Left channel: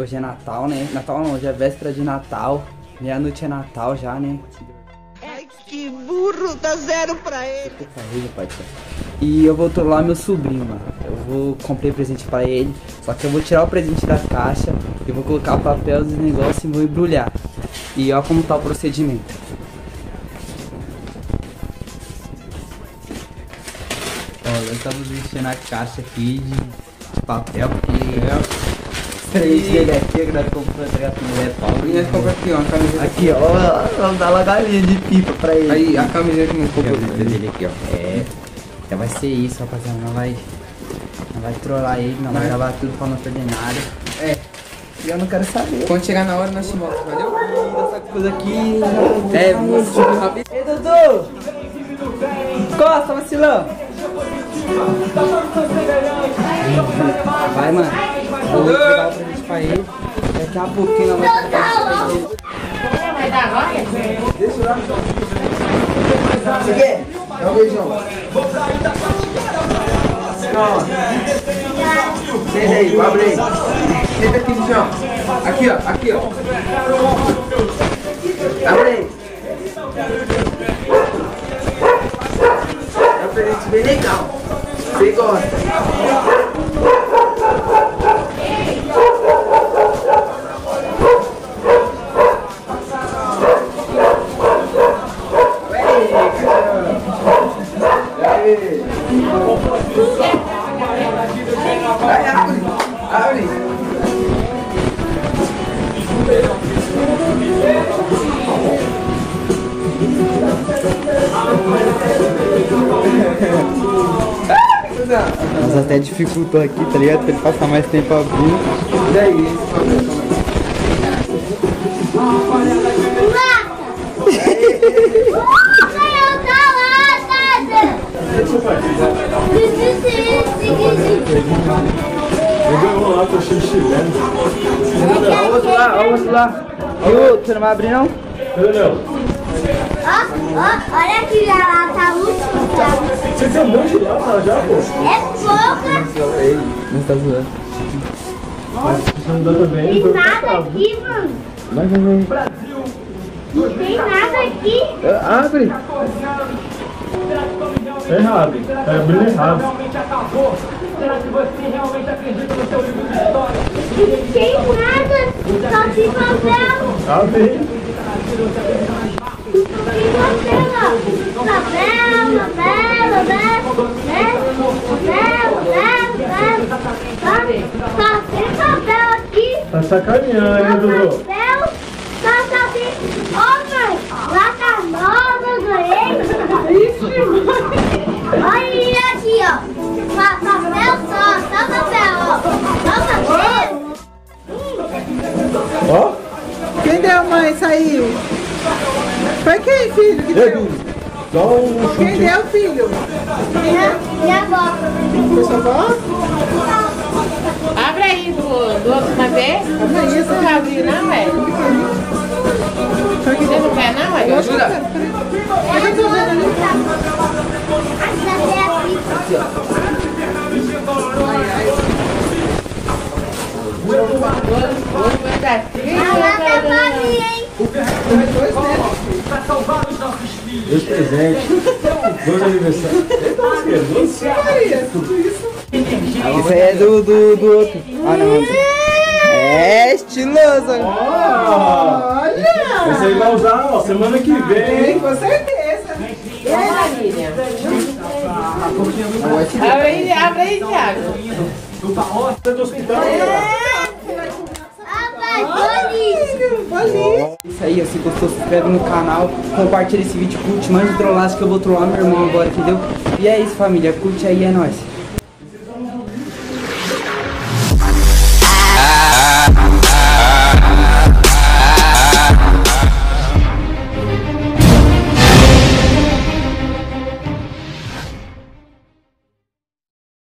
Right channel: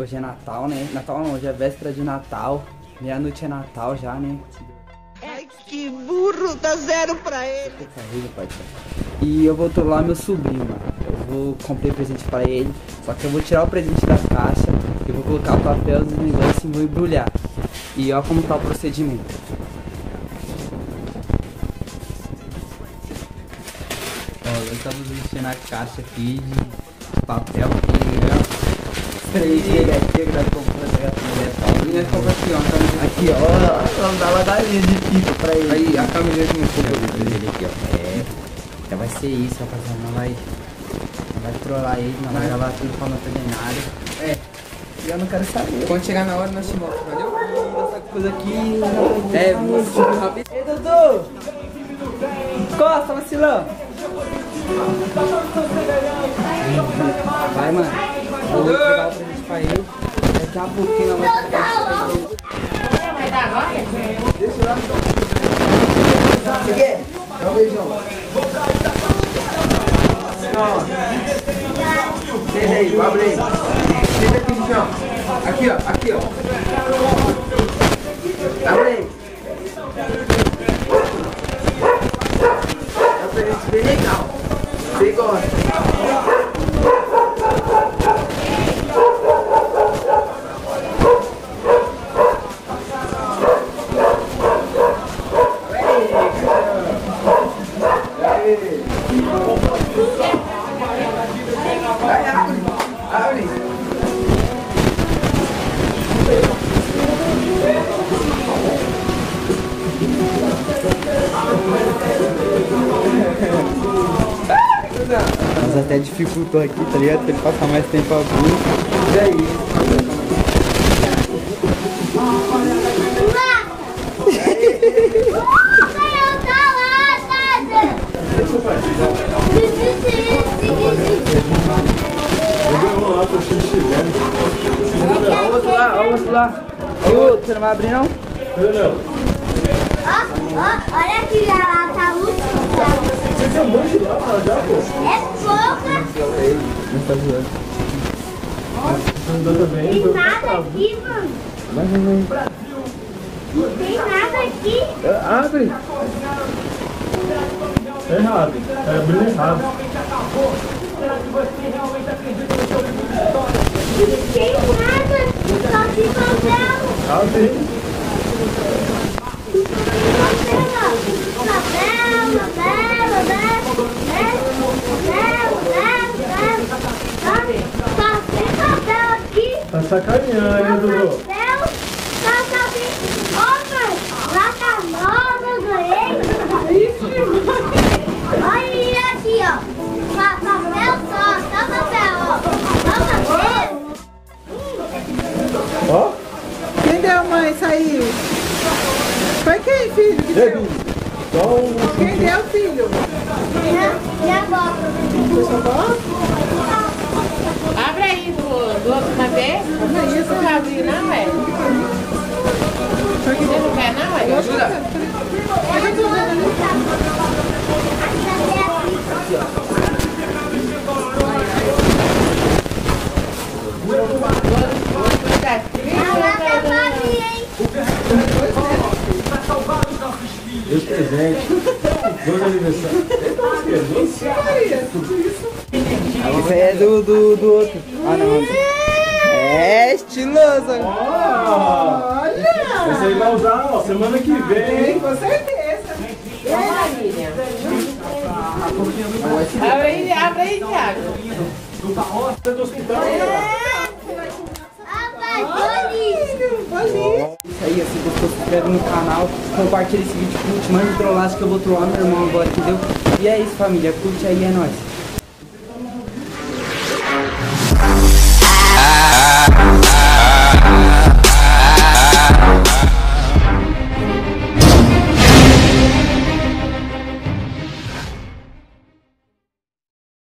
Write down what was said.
Hoje é Natal, né? Natal não, hoje é véspera de Natal. Meia-noite é Natal já, né? Ai, que burro, dá 0 pra ele. E eu vou trollar meu sobrinho, mano. Comprei presente pra ele. Só que eu vou tirar o presente da caixa. Eu vou colocar o papel dos negócios e vou embrulhar. E ó como tá o procedimento. Ó, nós estamos enchendo a caixa aqui de papel. Ele aqui, que nós compramos aqui, nós compramos assim, ó, a camiseta aqui, ó, vamos dar uma galinha de pipa pra ele. Aí, a camiseta que não comprou dele aqui, ó. Já vai ser isso, rapaziada, não vai trollar ele, não vai gravar tudo pra não perder nada. E eu não quero saber. Quando chegar na hora, nós te mostro, valeu? Essa coisa aqui, vou subir rápido. Ei, Dudu! Costa, vacilão! Vai, mano. Eu vou dar o presente pra ele. Daqui a pouquinho nós vamos dar o presente pra ele. Vai dar agora? Deixa eu lá. Você quer? Dá um beijão. Senta aí, abre aí. Senta aqui no chão. Aqui, ó. Aqui, ó. Abre aí. É um presente bem legal. Você gosta? Mas até dificultou aqui, tá ligado? Pra ele passar mais tempo a vir. E aí? Vamos lá. Você não vai abrir não? Não. Olha aqui, já tá muito. Você tem um monte de lata já, pô? É pouca. Não tá zoando. Tem nada aqui, mano. Não tem nada aqui. Abre. É errado. Tá abrindo errado. Não tem nada. Só se papel. Abre. Tá sacaneando, hein, Dudu? Olha aqui, ó. Papel só papel, ó. Ó. Quem deu, mãe? Saiu. Foi quem, filho? Que deu? Quem deu, filho? Minha avó. Foi sua avó? Abre aí do outro papel. Não isso já abriu, não, velho? Você não quer, não, velho? Eu tô vendo ali. Dois presentes. Dois aniversários. Isso aí é do outro. Ah, não. É estiloso. Olha! Você vai usar, ó, semana que vem. Com certeza. Abre aí, Thiago. Tá do hospital. Isso aí, se gostou, se inscreve no canal, compartilha esse vídeo, curte, manda trollagem que eu vou trollar meu irmão agora, entendeu? E é isso, família, curte aí, é nóis.